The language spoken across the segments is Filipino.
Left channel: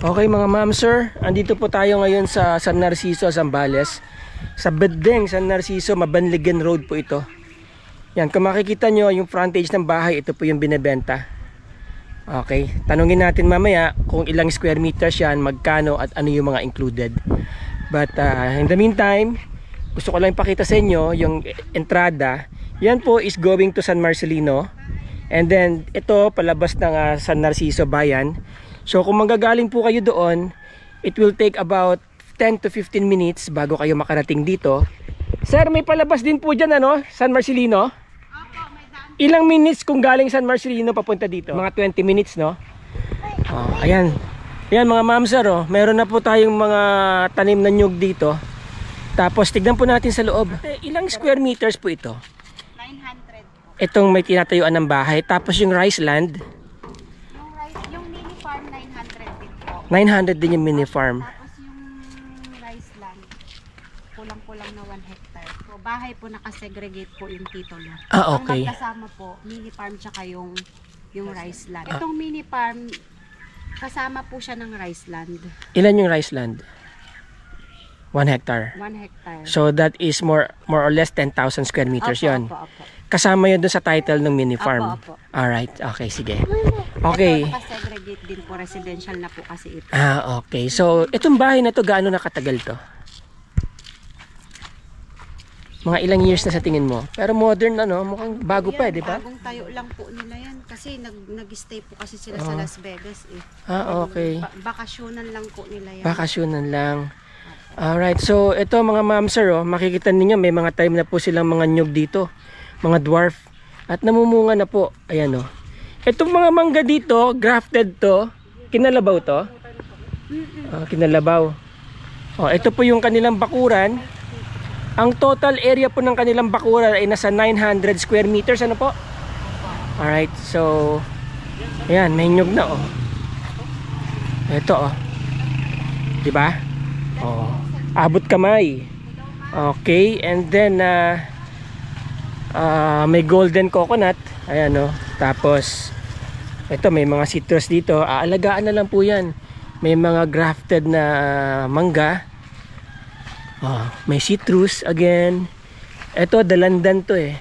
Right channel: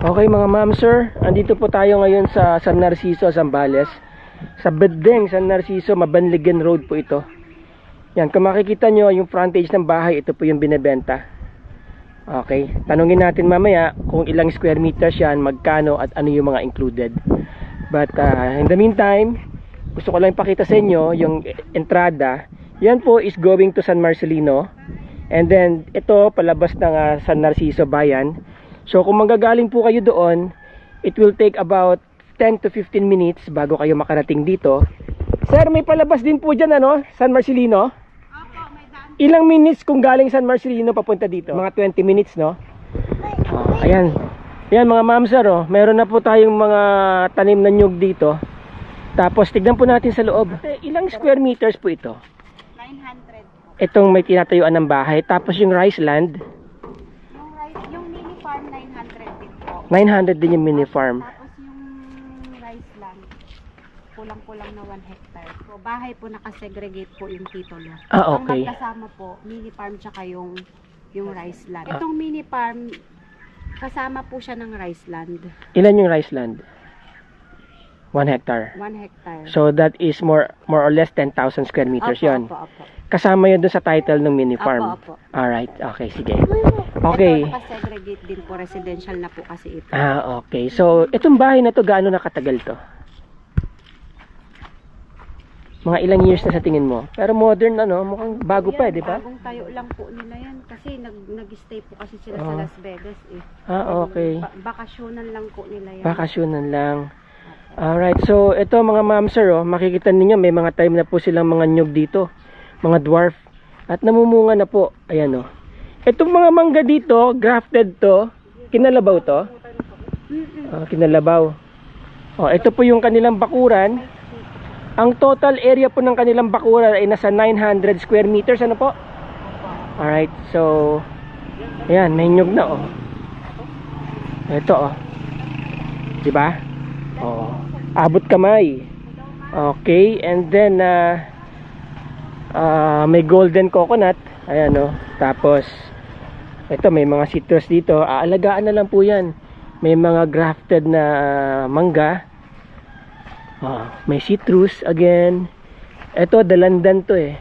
Okay mga ma'am sir, andito po tayo ngayon sa San Narciso, Zambales. Sa Bedeng, San Narciso, Mabanligan Road po ito. Yan, kung makikita nyo yung frontage ng bahay, ito po yung binebenta. Okay, tanungin natin mamaya kung ilang square meters yan, magkano at ano yung mga included. But in the meantime, gusto ko lang ipakita sa inyo yung entrada. Yan po is going to San Marcelino. And then ito palabas ng San Narciso Bayan. So kung manggagaling po kayo doon, it will take about 10 to 15 minutes bago kayo makarating dito. Sir, may palabas din po dyan ano, San Marcelino? Opo, may daan. Ilang minutes kung galing San Marcelino papunta dito? Mga 20 minutes, no? Ayan. Ayan mga ma'am sir, oh. Meron na po tayong mga tanim na nyug dito. Tapos tignan po natin sa loob. Ilang square meters po ito? 900 po. Itong may tinatayuan ng bahay. Tapos yung rice land, Yung mini farm 900 din po. 900 din yung mini farm. Tapos yung rice land, kulang-kulang na 1 hectare. So bahay po nakasegregate po yung titulo. Ah, okay. Ang magkasama po, mini farm tsaka yung rice land. Itong mini farm, kasama po siya ng rice land. Ilan yung rice land? 1 hectare. 1 hectare. So that is more or less 10,000 square meters yon. Opo, opo. Kasama yun doon sa title ng mini farm. Opo, opo. Alright, okay, sige. Okay. Ito, nakasegregate din po. Residential na po kasi ito. Okay. So, itong bahay na to, gaano nakatagal to? Mga ilang years na sa tingin mo? Pero modern ano, mukhang bago pa, di ba? Bagong tayo lang po nila yan. Kasi nag-stay po kasi sila sa Las Vegas eh. Okay. Bakasyonan lang po nila yan. Bakasyonan lang. Alright, so ito mga ma'am sir, oh, makikita ninyo may mga time na po silang mga nyug dito. Mga dwarf. At namumunga na po. Ayan oh. Itong mga mangga dito, grafted to. Kinalabaw to? Kinalabaw. Oh, ito po yung kanilang bakuran. Ang total area po ng kanilang bakuran ay nasa 900 square meters. Ano po? Alright, so ayan, may nyug na oh. Ito oh. Diba? Oh. Abot kamay. Okay, and then may golden coconut. Ayan oh. Tapos ito may mga citrus dito. Aalagaan na lang po yan. May mga grafted na mangga. May citrus again. Ito dalandan to eh,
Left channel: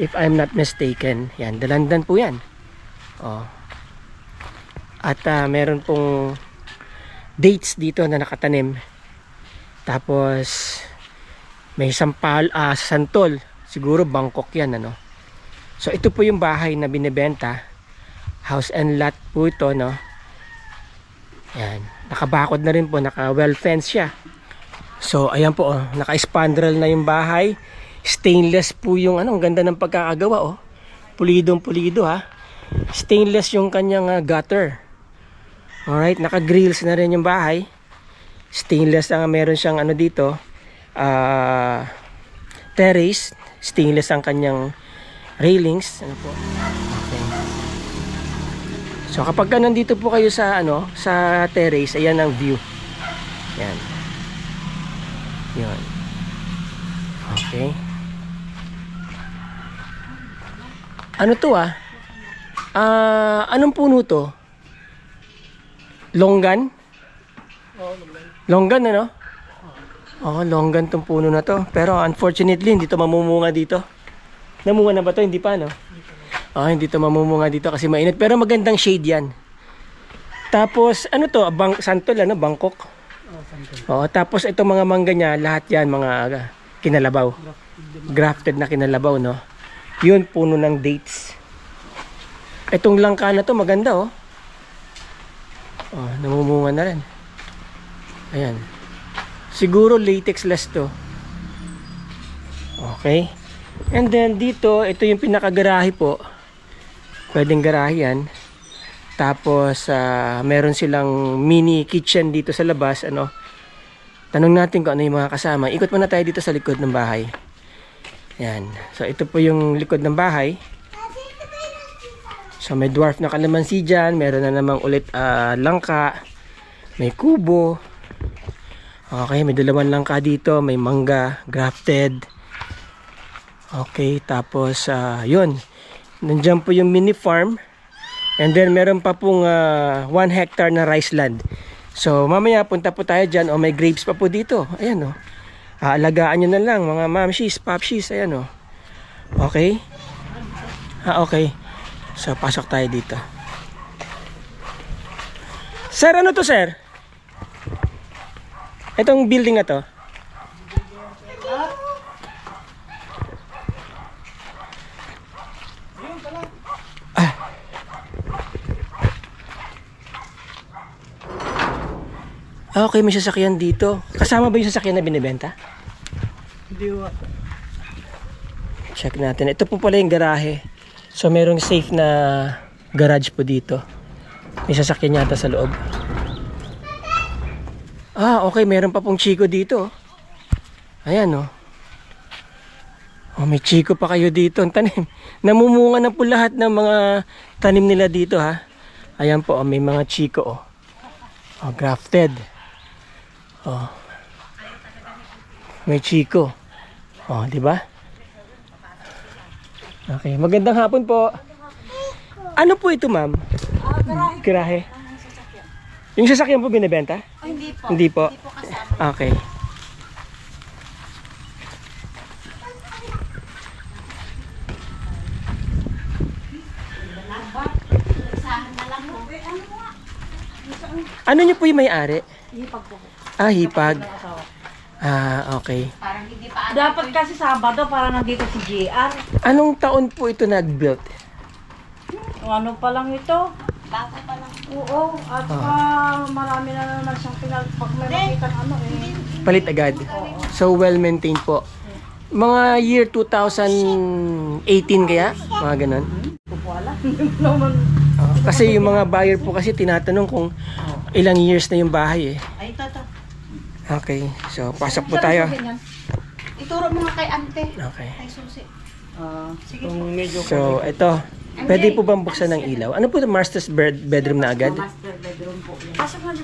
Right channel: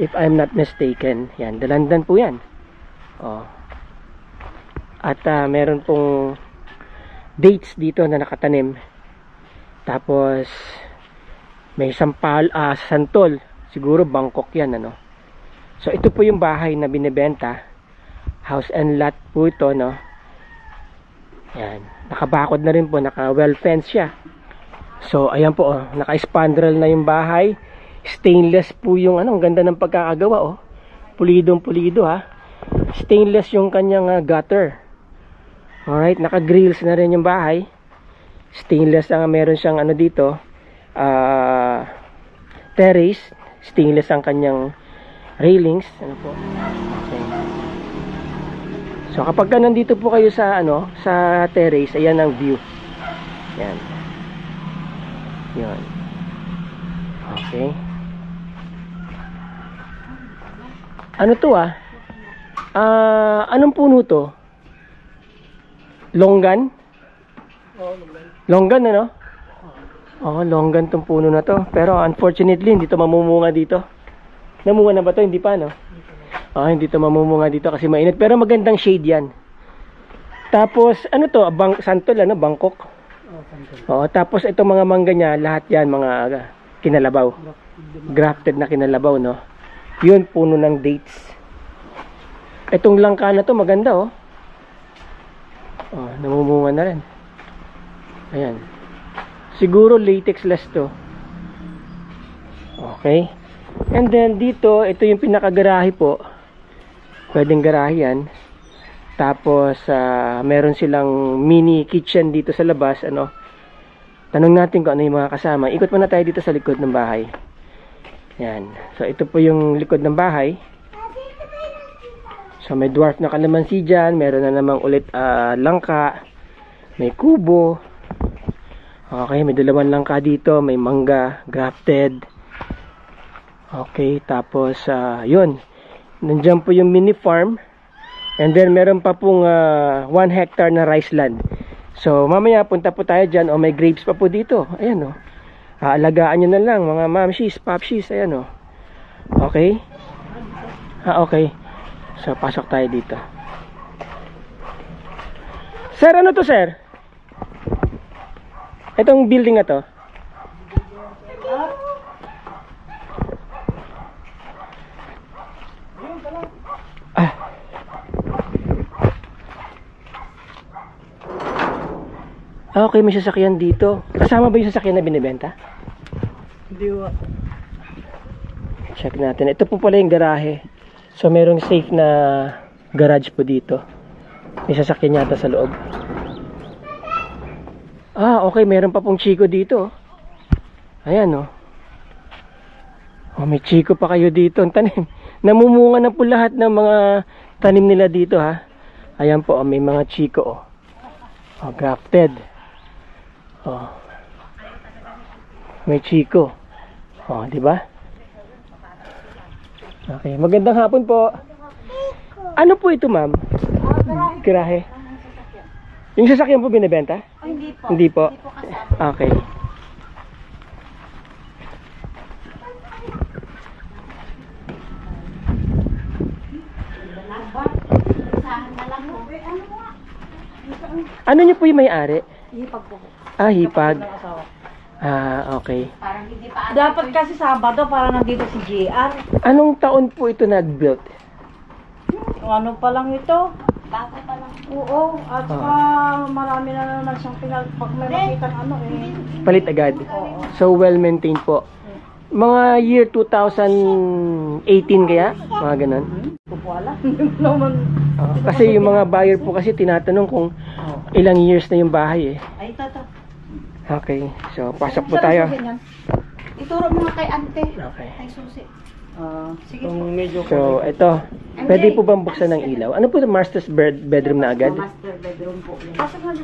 if I'm not mistaken. Yan, dalandan po yan. At meron pong dates dito na nakatanim. Tapos may santol. Siguro Bangkok yan ano. So ito po yung bahay na binebenta. House and lot po ito no. Yan, nakabakod na rin po, naka well fenced siya. So ayan po oh, naka-spandrel na yung bahay. Stainless po yung ano, ang ganda ng pagkakagawa oh. Pulidong pulido ha. Stainless yung kanyang gutter. Alright, naka-grills na rin yung bahay. Stainless ang meron siyang ano dito. Terrace, stainless ang kanyang railings. Ano po? Okay. So kapag nandito po kayo sa ano, sa terrace, ayan ang view. Yan. Yan. Okay. Ano to anong puno to? Longgan? Longgan ano? Longgan tong puno na to. Pero unfortunately, hindi to mamumunga dito. Namunga na ba to? Hindi pa no? Hindi to mamumunga dito kasi mainit. Pero magandang shade yan. Tapos, ano to? Santol ano? Bangkok? Tapos itong mga mangga niya, lahat yan mga kinalabaw. Grafted na kinalabaw no? Yun, puno ng dates. Itong langka na to, maganda oh. Namumunga na rin. Ayan. Siguro latex-less to. Okay. And then dito, ito yung pinakagarahe po. Pwedeng garahe yan. Tapos meron silang mini kitchen dito sa labas ano. Tanong natin kung ano yung mga kasama. Ikot muna tayo dito sa likod ng bahay. Yan. So ito po yung likod ng bahay. So may dwarf na kalamansi dyan. Meron na namang ulit langka. May kubo. Okay, may dalawang langka dito. May mangga, grafted. Okay, tapos yun. Nandiyan po yung mini farm. And then meron pa pong 1 hectare na rice land. So mamaya punta po tayo dyan. May grapes pa po dito. Ayan aalagaan nyo na lang mga mamshis, popshis. Ayan okay. Okay. So pasok tayo dito. Sir, ano to sir? Itong building na to. Okay, may sasakyan dito. Kasama ba yung sasakyan na binibenta? Hindi ba? Check natin. Ito po pala yung garahe. So merong safe na garage po dito. May sasakyan yata sa loob. Okay. Meron pa pong chiko dito. Ayan may chiko pa kayo dito. Ang tanim. Namumunga na po lahat ng mga tanim nila dito ha. Ayan po. May mga chiko grafted. May chiko. Di ba? Okay, magandang hapon po. Ano po ito, ma'am? Garahe. Yung sasakyan po binibenta? Hindi po. Hindi po. Hindi po kasama. Okay. Isahan na lang po. Ano niyo po yung may-ari? Hipag po. Hipag. Okay. Parang hindi pa Dapat kasi Sabado para nandito si JR. Anong taon po ito nag-built? Ano pa lang ito? bago pa lang. Oo, at saka marami na naman siyang pag may makita Palit agad. So well-maintained po. Mga year 2018 kaya? Mga ganun. Hindi ko alam. Naman. Kasi yung mga buyer po kasi tinatanong kung ilang years na yung bahay Ay, toto. Okay. So pasok po tayo. Ituro mo nga kay ante. Okay. Kay susi. Sige. So ito. Pwede po bang buksan ng ilaw? Ano po, master's bedroom na agad? Master bedroom po.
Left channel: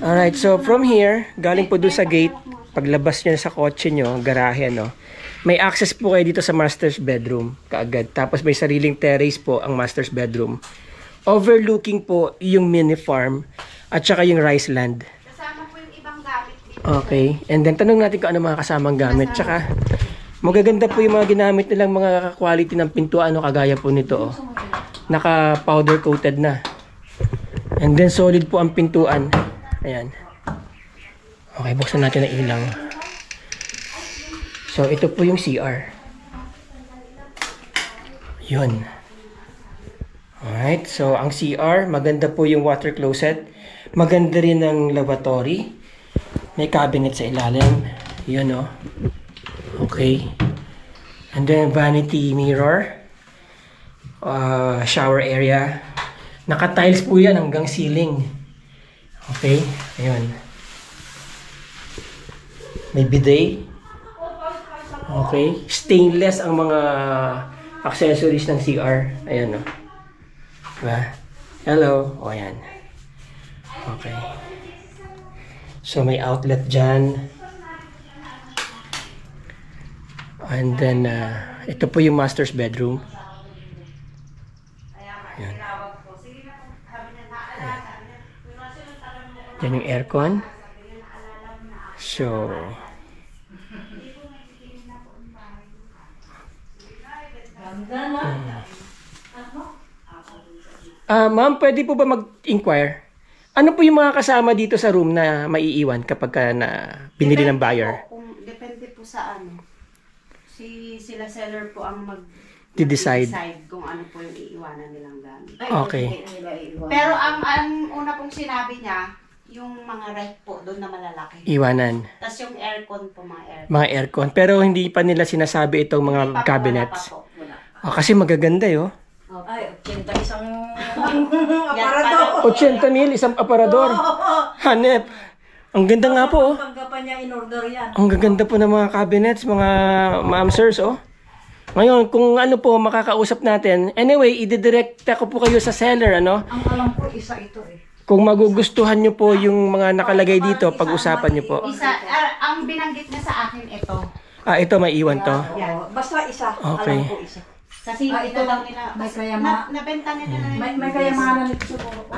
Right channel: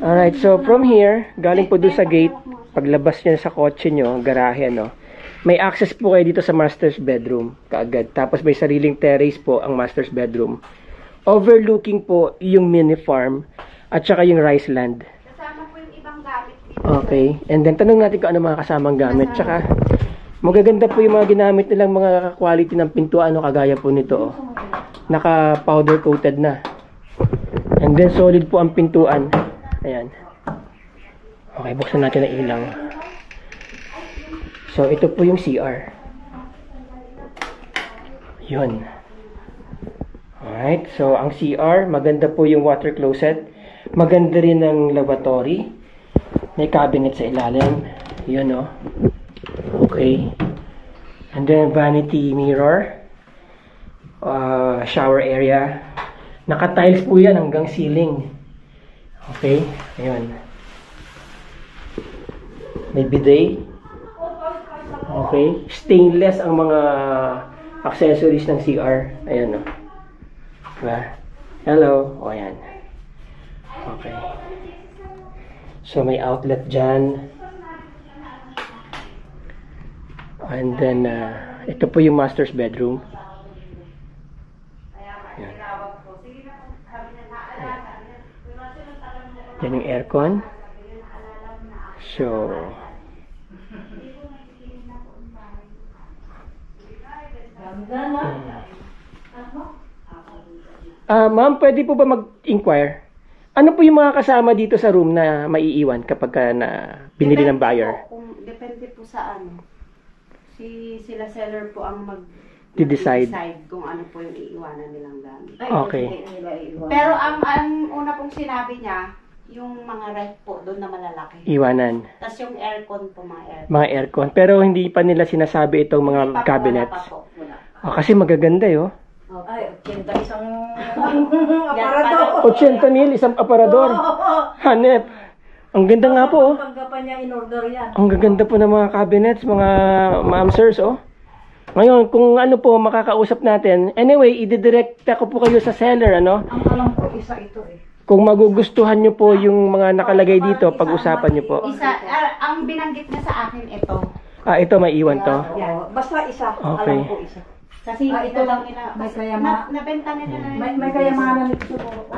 Alright, so from here, galing po doon sa gate, paglabas nyo sa kotse nyo, garahe, may access po kayo dito sa master's bedroom kaagad. Tapos may sariling terrace po ang master's bedroom. Overlooking po yung mini farm at saka yung rice land. Kasama po yung ibang gamit dito. Okay, and then tanong natin kung ano mga kasamang gamit. Tsaka magaganda po yung mga ginamit nilang mga quality ng pintuan, kagaya po nito. Naka powder coated na. And then solid po ang pintuan. Ayan. Okay, buksan natin ang ilaw. So ito po yung CR. Yun. Alright, so ang CR, maganda po yung water closet. Maganda rin ang lavatory. May cabinet sa ilalim. Yun Okay. And then vanity mirror. Shower area. Naka-tiles po yan hanggang ceiling. Okay, ayun. May bidet. Okay, stainless ang mga accessories ng CR. Ayan Diba? Hello. Ayan. Okay. So may outlet dyan. And then ito po yung master's bedroom. Ayan. Yan yung aircon. So ma'am, pwede po ba mag-inquire? Ano po yung mga kasama dito sa room na maiiwan kapag na binili ng buyer? Depende po sa sila seller po ang decide kung ano po yung iiwanan nilang gamit. Okay. Pero ang una pong sinabi niya, yung mga ref po doon na malalaki. Iwanan. Tapos yung aircon po, mga aircon. Mga aircon. Pero hindi pa nila sinasabi itong mga cabinets. Kasi magaganda Ay, 80 isang aparador. 80,000 isang aparador. Hanep. Ang ganda nga po. Pagkapan niya in-order yan. Ang gaganda po ng mga cabinets, mga ma'am sirs Ngayon, kung ano po makakausap natin. Anyway, i-direct ko po kayo sa seller, Ang alam ko isa ito Kung magugustuhan nyo po yung mga nakalagay dito, pag-usapan nyo po. Ang binanggit niya sa akin ito. Ito may iwan to. Basta isa. Okay. Alam ko isa. Kasi ito daw nila. May kayama. Nabenta nila na May kayamanan ito siguro.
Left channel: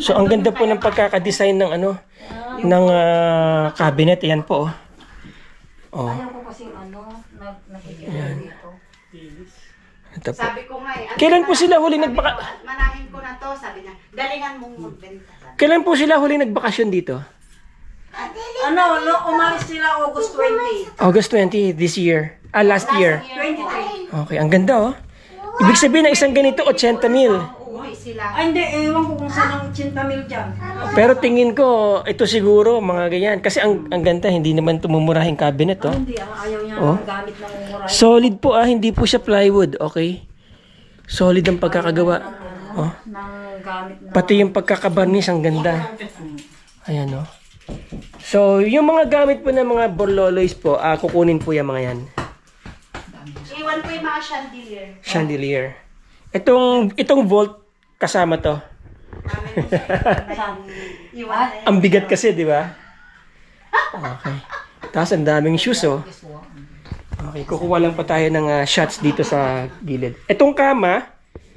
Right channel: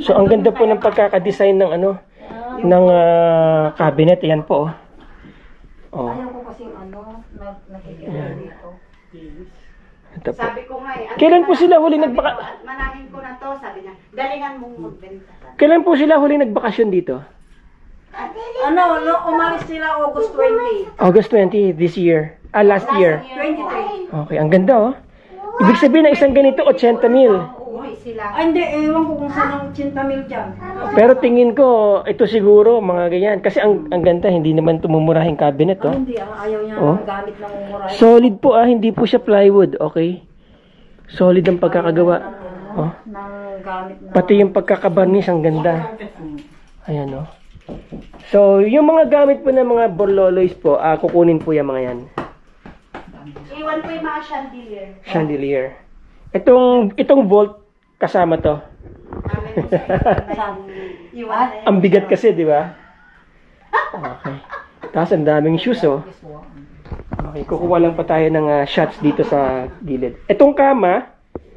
So ang ganda po ng pagkakadesign ng ano, ng cabinet. Ayan po. Oh. Ayaw ko kasing nakikita dito. Ito po. Sabi ko nga eh. Kailan po sila huli nagbaka... Manahin ko na to, sabi niya. Galingan mong magbenta. Kailan po sila huli nagbakasyon dito? Umalis sila August 20. August 20 this year. Last year. 23. Okay, ang ganda oh. Ibig sabihin ng isang ganito 80,000. Uuwi sila. Ay, hindi. Ewan ko kung saan ang 80,000 dyan. Pero tingin ko ito siguro mga ganyan kasi ang ganda, hindi naman tumumurahing cabinet oh. Hindi, ayaw niya Oh. ng gamit ng umuray. Solid po hindi po siya plywood, okay? Solid ang pagkakagawa. Oh. Ng gamit na... Pati yung pagkakabarnis ang ganda. Ayan oh. So, yung mga gamit po ng mga borloloys po, kukunin po yung mga yan. Iwan ko yung mga chandelier. Chandelier. Itong vault kasama to. Iwan na yan. Ang bigat kasi, di ba? Okay. Tapos ang daming shoes oh. Okay, kukuha lang pa tayo ng shots dito sa gilid. Itong kama,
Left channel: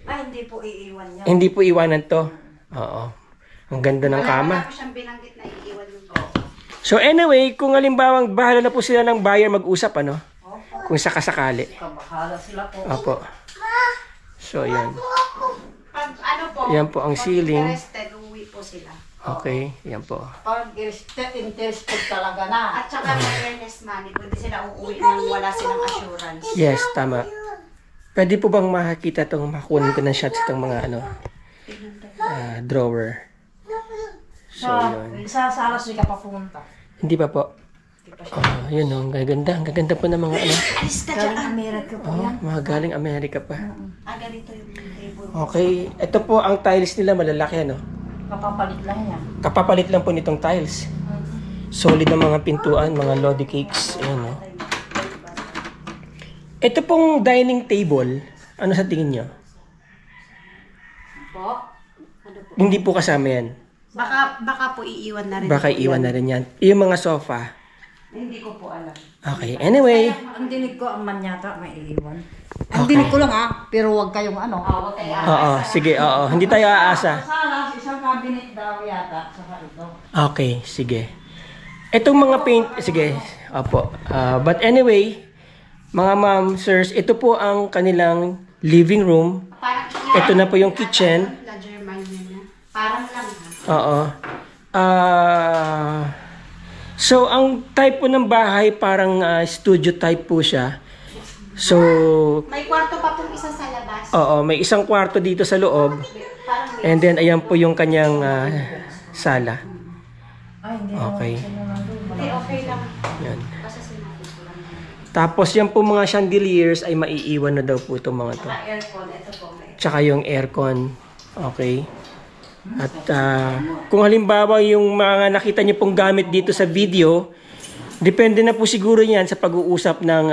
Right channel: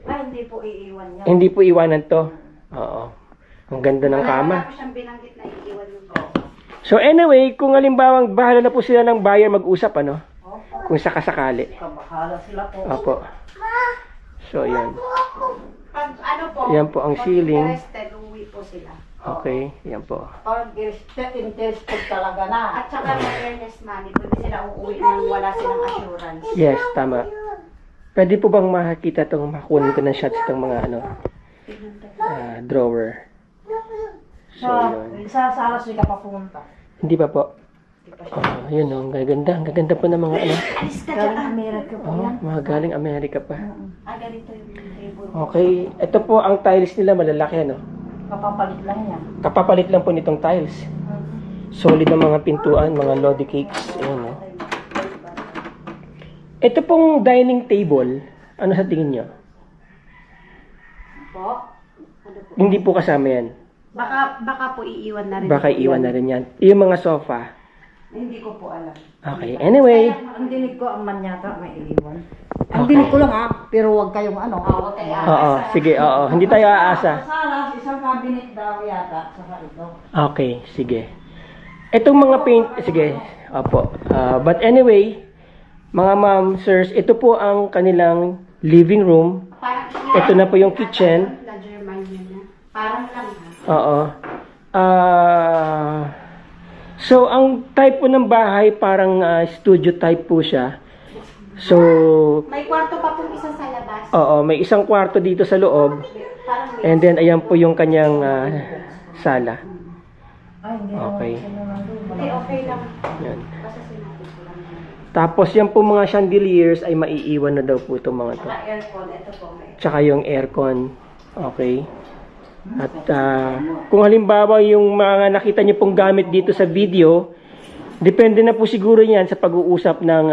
Ay, hindi po iiwan niya. hindi po iwanan to. Oo. Ang ganda ng kama. Wala ko siyang binanggit na iiwan yung So anyway, kung halimbawang bahala na po sila ng buyer mag-usap, ano? Kung sakasakali. Kabahala sila po. Opo. So, yan. Pag ano po, Yan po ang pag ceiling. interested, uuwi po sila. Okay, yan po. Pag interested talaga na. At saka may earnest money, pwede sila uuwi nang wala silang assurance. Yes, tama. Pwede po bang makakita itong makunin ko ng shots itong mga ano, drawer? So, yun. Sa salas di ka pa pumunta. Hindi pa po. Yun o, ang gaganda. Ang gaganda po ng mga ano. Alis ka dyan. Galing Amerika po Oh, yan. mga galing Amerika pa. Ganito yung table. Okay, ito po ang tiles nila malalaki ano. Kapapalit lang yan. Kapapalit lang po nitong tiles. Solid na mga pintuan, mga lodi cakes. Ayan o. Ito pong dining table, ano sa tingin nyo? Po? Ano po? Hindi po kasama yan. Baka po iiwan na rin. Baka iwan na rin yan. Yung mga sofa. Hindi ko po alam. Okay, anyway. Ang dinig ko, ang manyata, may iiwan. Ang dinig ko lang pero wag kayong ano. Oo, sige, oo. Hindi tayo aasa. Sa salas, isang cabinet daw yata, saka ito. Okay, sige. Itong mga paint, sige, opo. But anyway, mga ma'am, sirs, ito po ang kanilang living room. Parang Ito na po yung kitchen. La Germania na. Parang lang ha. Oo. So, ang type po ng bahay, parang studio type po siya. So, May kwarto pa pong isa sa labas. oo, may isang kwarto dito sa loob. Parang may... And then, ayan po yung kanyang sala. Ay, hindi Okay. Hindi, okay lang. Yan. Basta sinabi ko lang. Tapos, yan po mga chandeliers ay maiiwan na daw po itong mga to. Saka aircon, ito po may. Tsaka yung aircon. Okay. At kung halimbawa yung mga nakita niyo pong gamit dito sa video, depende na po siguro yan sa pag-uusap ng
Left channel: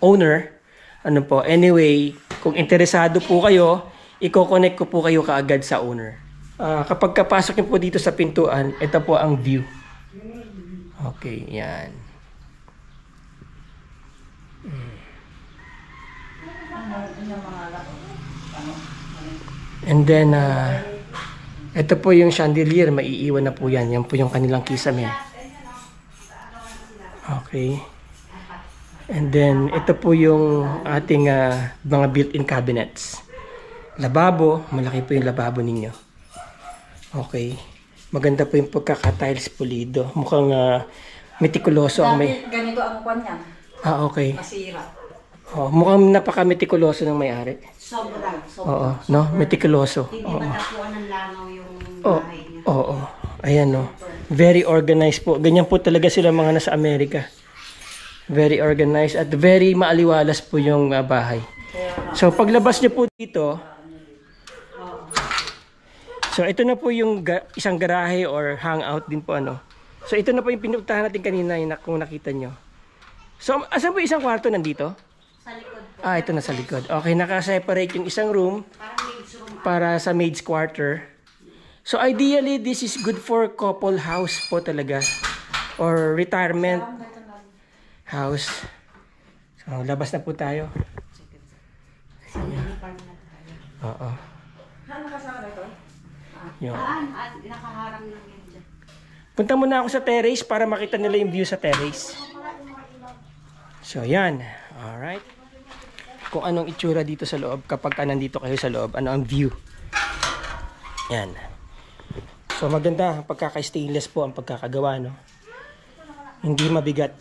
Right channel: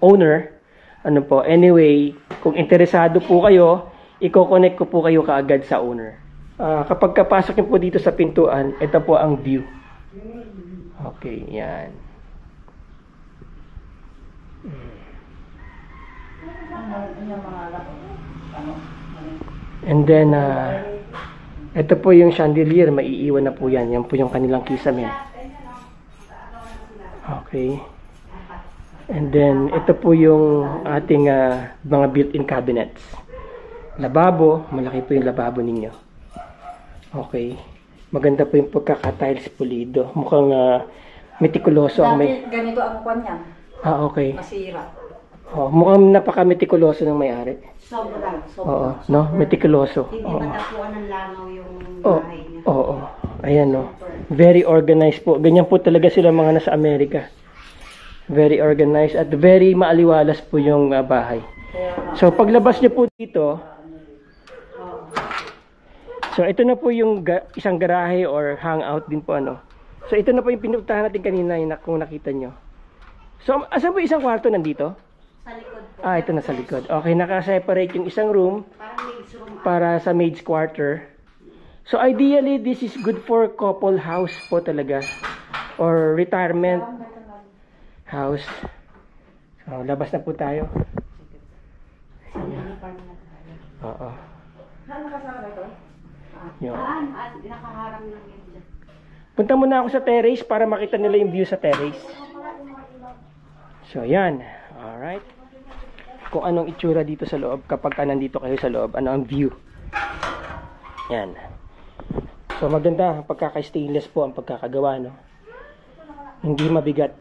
owner. Ano po, anyway, kung interesado po kayo, i-connect ko po kayo kaagad sa owner. Kapag kapasok niyo po dito sa pintuan, ito po ang view. Okay, yan. And then, ito po yung chandelier, maiiwan na po yan. Yan po yung kanilang kisame. Okay. And then, ito po yung ating mga built-in cabinets. Lababo, malaki po yung lababo ninyo. Okay. Maganda po yung pagkaka-tiles pulido. Mukhang metikuloso ang may... Ganito ang kwan yan. Okay. Masira. Oh, mukhang napaka-metikuloso ng may-ari. Sobrang. Oo, no? Metikuloso. Hindi Oo. matapuan ng langaw yung Oh, bahay niya. oo. Ayan, no. Very organized po. Ganyan po talaga sila mga nasa Amerika. Very organized at very maaliwalas po yung bahay. So, paglabas niyo po dito, so ito na po yung isang garahe or hangout din po, ano. So, ito na po yung pinuntahan natin kanina, yung kung nakita nyo. So, asan po isang kwarto nandito? Sa likod po. Ito na sa likod. Okay, nakaseparate yung isang room Parang maid's room. para sa maid's quarter. So ideally, this is good for couple house po talaga. Or retirement house. So, labas na po tayo. Oo. Ano kasama ito? Yun. Nakaharang lang yun dyan. Punta muna ako sa terrace para makita nila yung view sa terrace. So, yan. Alright. Kung anong itsura dito sa loob kapag ka nandito kayo sa loob. Ano ang view. Yan. So, maganda. Pagkaka-stainless po ang pagkakagawa, no? Hindi mabigat.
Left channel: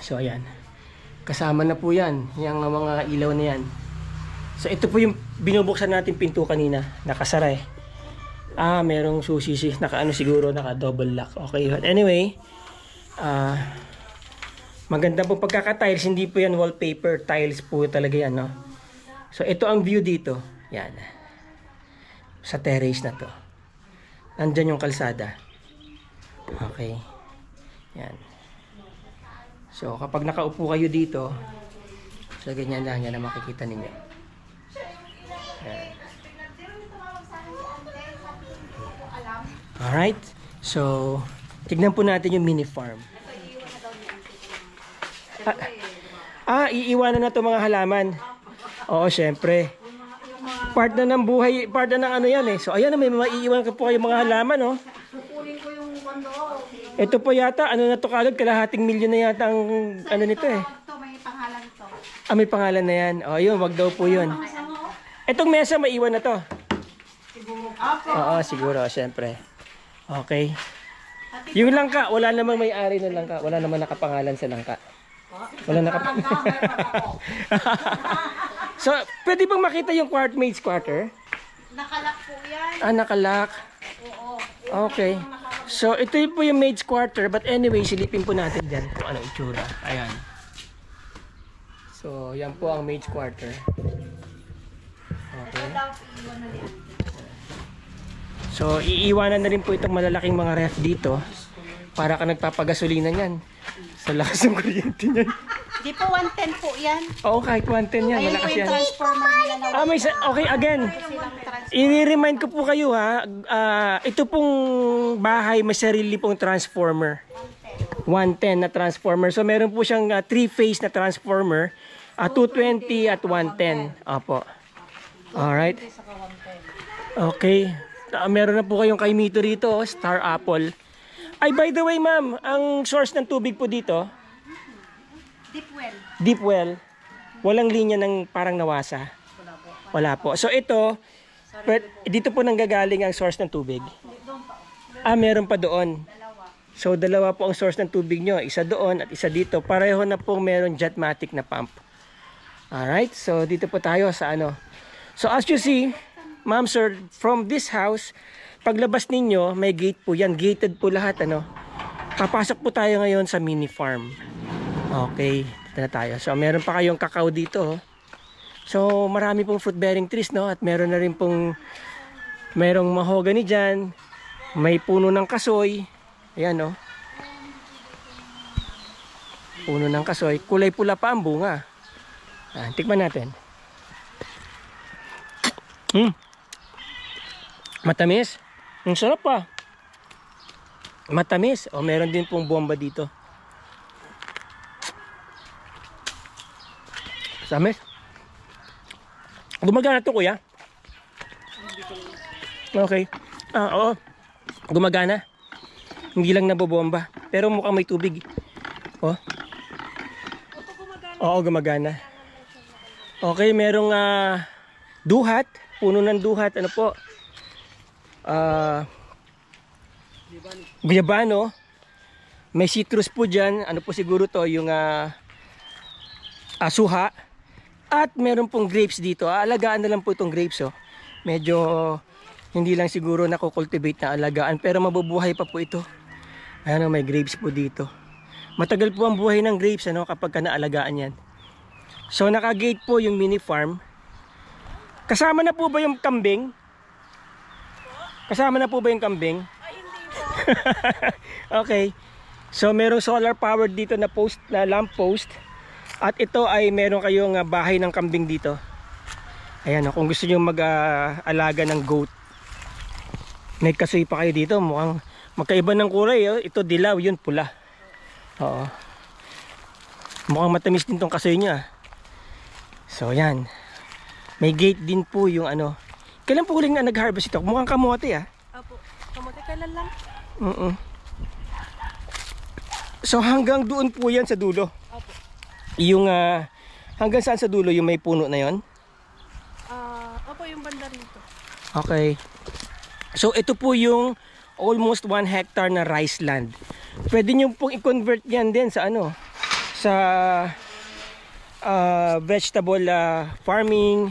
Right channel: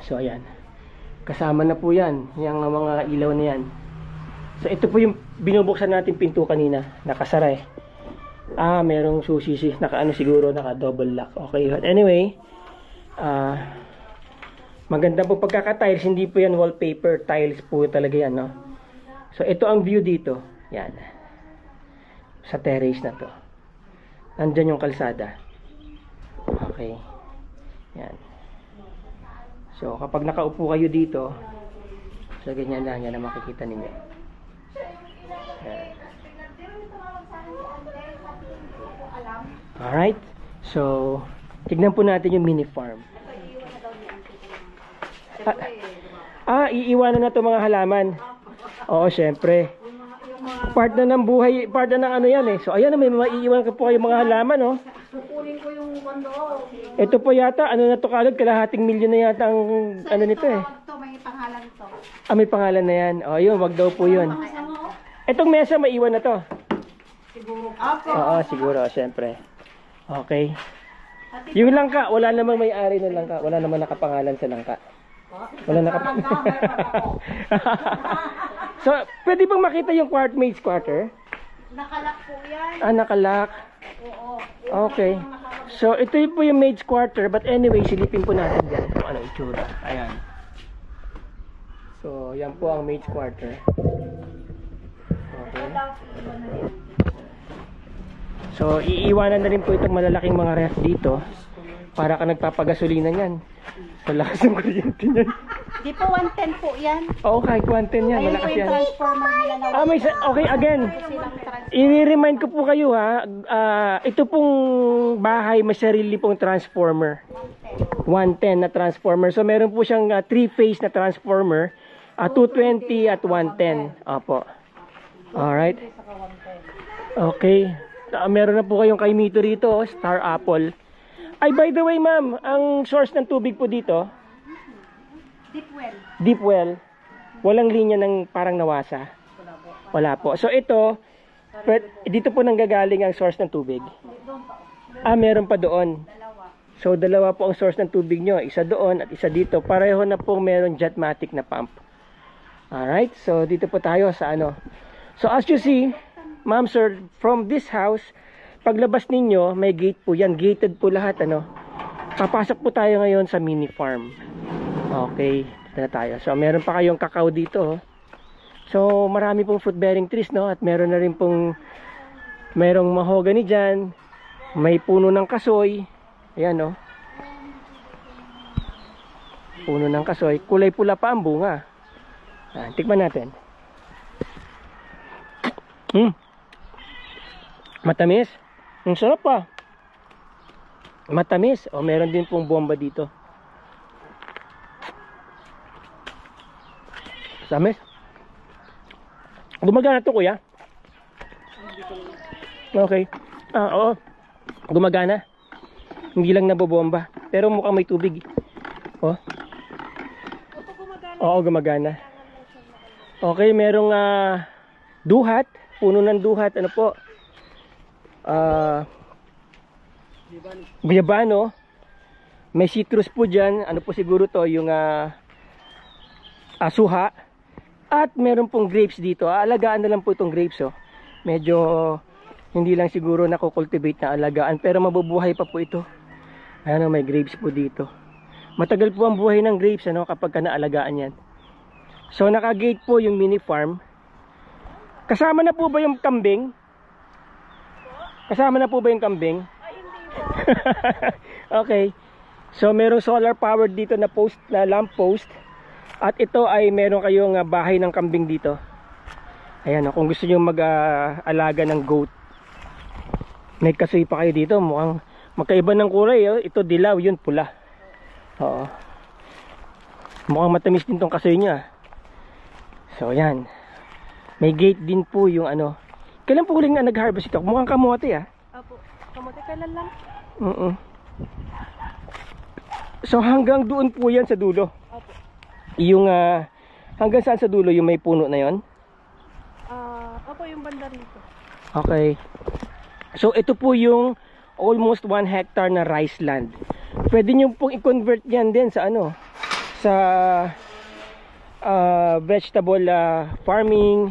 So, ayan. Kasama na po yan. Yung mga ilaw na yan. So, ito po yung binubuksan natin pinto kanina. Nakasara eh. Merong susisi. Naka-ano siguro, naka-double lock. Okay. But anyway, maganda po pagkaka-tiles. Hindi po yan wallpaper. Tiles po talaga yan, no? So, ito ang view dito. Yan. Sa terrace na to. Nandyan yung kalsada. Okay. Yan. So, kapag nakaupo kayo dito, so, ganyan lang yan na makikita ninyo. Yan. Alright. So, tignan po natin yung mini farm. Iiwanan na to mga halaman. Oo, syempre. Part na ng buhay, part na ng ano yan eh. So, ayan na, may maiiwan ka po kayo mga halaman, oh. Kukunin ko yung kondo. Ito po yata, ano na to kagad, kalahating milyon na yata ang ano nito eh. Ito, may pangalan to. May pangalan na yan. O, yun, wag daw po yun. Itong mesa, maiwan na to. Siguro. Oo, siguro, syempre. Okay. Yung langka, wala namang may-ari ng langka. Wala namang nakapangalan sa langka. Wala So, pwede bang makita yung maid's quarter? Nakalak po yan. Nakalak. Oo. Okay. So, ito po yung maid's quarter. But anyway, silipin po natin dyan kung ano itsura. Ayan. So, yan po ang maid's quarter. Okay. So, iiwanan na rin po itong malalaking mga ref dito. Para ka nagpapagasolina niyan. Sa lakas ng kuryente niyan. Di po 110 po yan. Oo, kahit 110 yan. Ayun po Malakas yung yan. transformer nila na Okay, again. I-remind ko po kayo ha. Ito pong bahay, may sarili pong transformer. 110 na transformer. So, meron po siyang 3-phase na transformer. 220 at 110. Opo. Alright. Okay. Meron na po kayong kaimito rito, Star Apple. Ay, by the way, ma'am, ang source ng tubig po dito, deep well. deep well. Walang linya ng parang nawasa. Wala po. So ito, dito po nanggagaling ang source ng tubig. Meron pa doon. So dalawa po ang source ng tubig nyo. Isa doon at isa dito. Pareho na po meron Jetmatic na pump. Alright, so dito po tayo sa ano. So as you see, ma'am sir, from this house, paglabas ninyo, may gate po yan. Gated po lahat, ano. Papasok po tayo ngayon sa mini farm. Okay, dito na tayo. So meron pa kayong kakao dito, oh. So marami pong fruit bearing trees, no. At meron na rin pong merong mahogany dyan. May puno ng kasoy. Ayan, no. Puno ng kasoy. Kulay pula pa ang bunga. Tikman natin. Matamis. Ang sarap pa. Matamis. O, meron din pong bomba dito. Samis. Gumagana to, kuya? Okay. Oo. Gumagana. Hindi lang nabobomba. Pero mukhang may tubig. Oh. Oo, gumagana. Okay, merong duhat. Puno ng duhat. Ano po? Guyabano. May citrus po dyan. Ano po siguro to? Yung suha. At meron pong grapes dito. Alagaan na lang po itong grapes. Oh. Medyo hindi lang siguro nakukultivate na alagaan. Pero mabubuhay pa po ito. Ayan, may grapes po dito. Matagal po ang buhay ng grapes, ano, kapag ka naalagaan yan. So naka-gate po yung mini farm. Kasama na po ba yung kambing? Kasama na po ba yung kambing? Okay. So merong solar powered dito na post, na lamp post. At ito ay meron kayong bahay ng kambing dito. Ayan, kung gusto niyo mag-alaga ng goat. May kasoy pa kayo dito, mukhang magkaiba ng kulay, oh. Ito dilaw, yun pula. Oo. Mukhang matamis din tong kasoy niya. So yan. May gate din po yung ano, Kailan po huling na nag-harvest ito? Mukhang kamote ah. Opo. Kamote kailan lang? So hanggang doon po yan sa dulo. Opo. Yung hanggang saan sa dulo yung may puno na yon? Opo, yung banda rito. Okay. So ito po yung almost 1 hectare na rice land. Pwede nyo pong i-convert yan din sa ano, sa vegetable farming,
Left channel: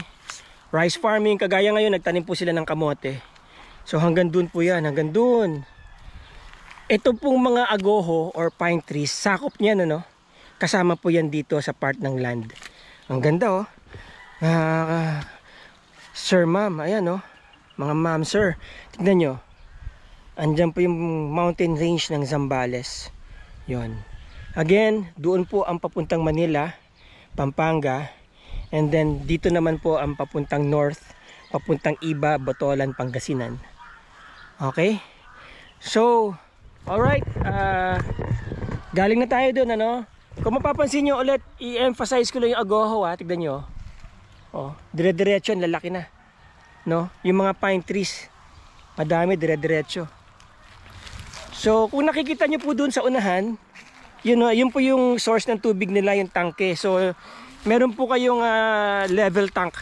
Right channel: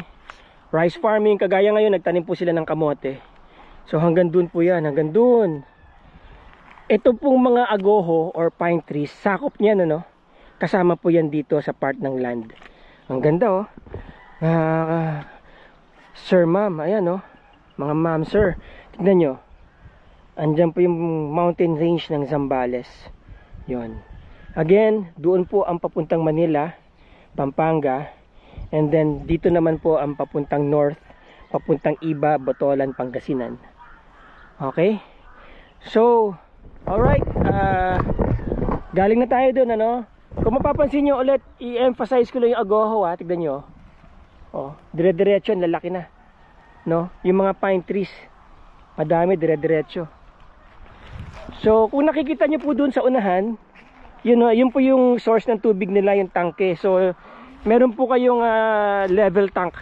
rice farming. Kagaya ngayon nagtanim po sila ng kamote. So hanggang dun po yan, hanggang dun. Ito pong mga agoho or pine trees, sakop niyan ano, kasama po yan dito sa part ng land. Ang ganda oh. Sir ma'am, ayan oh. Mga ma'am sir, tignan nyo. Andyan po yung mountain range ng Zambales. Yon. Again, doon po ang papuntang Manila, Pampanga. And then dito naman po ang papuntang north, papuntang Iba, Botolan, Pangasinan. Okay? So, alright. Galing na tayo doon ano. Kung mapapansin nyo ulit, i-emphasize ko lang yung agoho ha. Tignan nyo. Oh, dire-diretso, lalaki na. No? Yung mga pine trees, madami dire-diretso. So, kung nakikita nyo po doon sa unahan, yun po yung source ng tubig nila, yung tangke. So, meron po kayong level tank.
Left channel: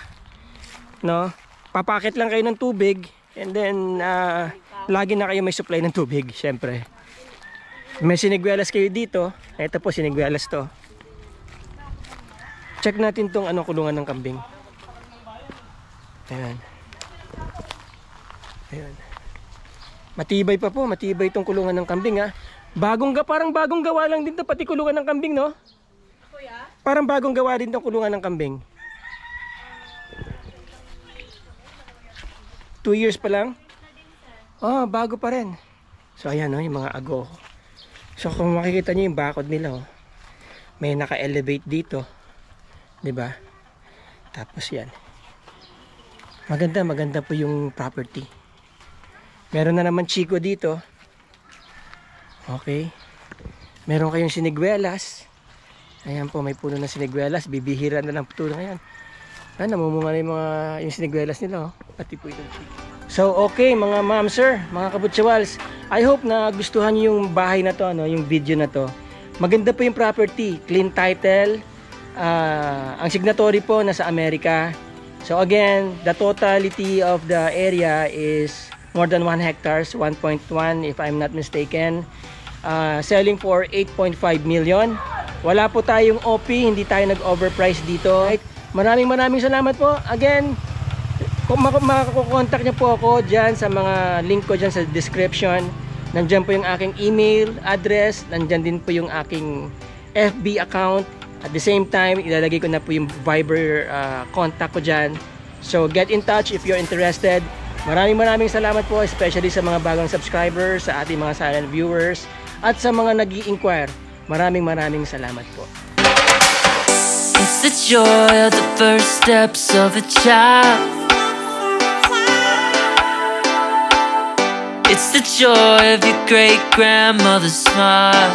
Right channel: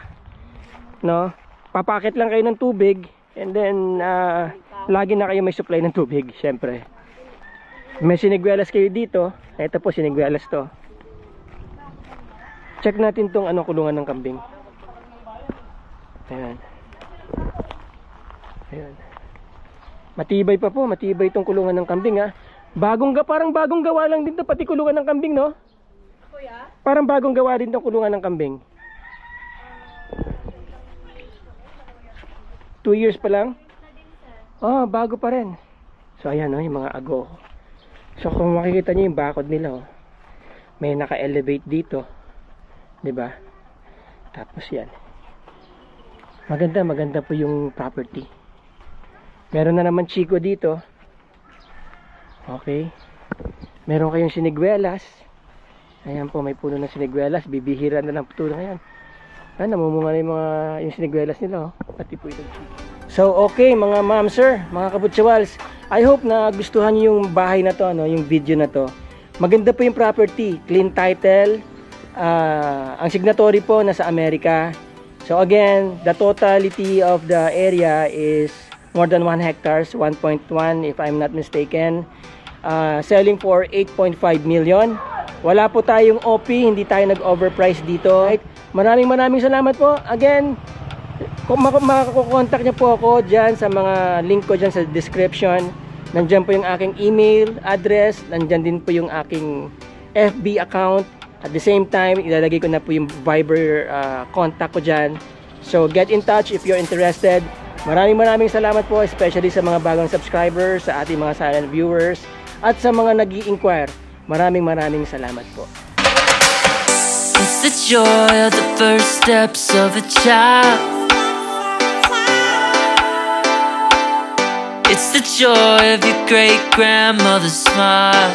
No? Papakit lang kayo ng tubig and then lagi na kayo may supply ng tubig, syempre. May siniguelas kayo dito. Ito po siniguelas to. Check natin tong kulungan ng kambing. Ayan. Ayan. Matibay pa po, matibay itong kulungan ng kambing ha. Parang bagong gawa lang din to, pati kulungan ng kambing no? Kuya? Parang bagong gawa din itong kulungan ng kambing. 2 years pa lang? Oh, bago pa rin. So ayan no, yung mga ago. So kung makikita nyo yung bakod nila oh, may naka-elevate dito. 'Di ba? Tapos yan. Maganda po yung property. Meron na naman chiko dito. Okay. Meron kayong siniguelas. Ayan po, may puno ng siniguelas. Bibihira na lang po ngayon. Ayan, namumunga na yung siniguelas nila. Oh. Pati po itong chiko. So, okay mga ma'am, sir, mga kabutsawals. I hope na gustuhan nyo yung bahay na to, yung video na to. Maganda po yung property. Clean title. Ang signatory po nasa Amerika. So again, the totality of the area is more than 1 hectares, 1.1 if I'm not mistaken. Selling for 8.5 million. Wala po tayong OP, hindi tayo nag-overprice dito. Right? Maraming salamat po. Again, kung makakontak niyo po ako dyan sa mga link ko dyan sa description. Nandyan po yung aking email address. Nandyan din po yung aking FB account. At the same time, ilalagay ko na po yung Viber contact ko dyan. So get in touch if you're interested. Maraming salamat po, especially sa mga bagong subscribers, sa ating mga silent viewers, at sa mga nag-i-inquire. Maraming salamat po. It's the joy of the first steps of a child. It's the joy of your great grandmother's smile.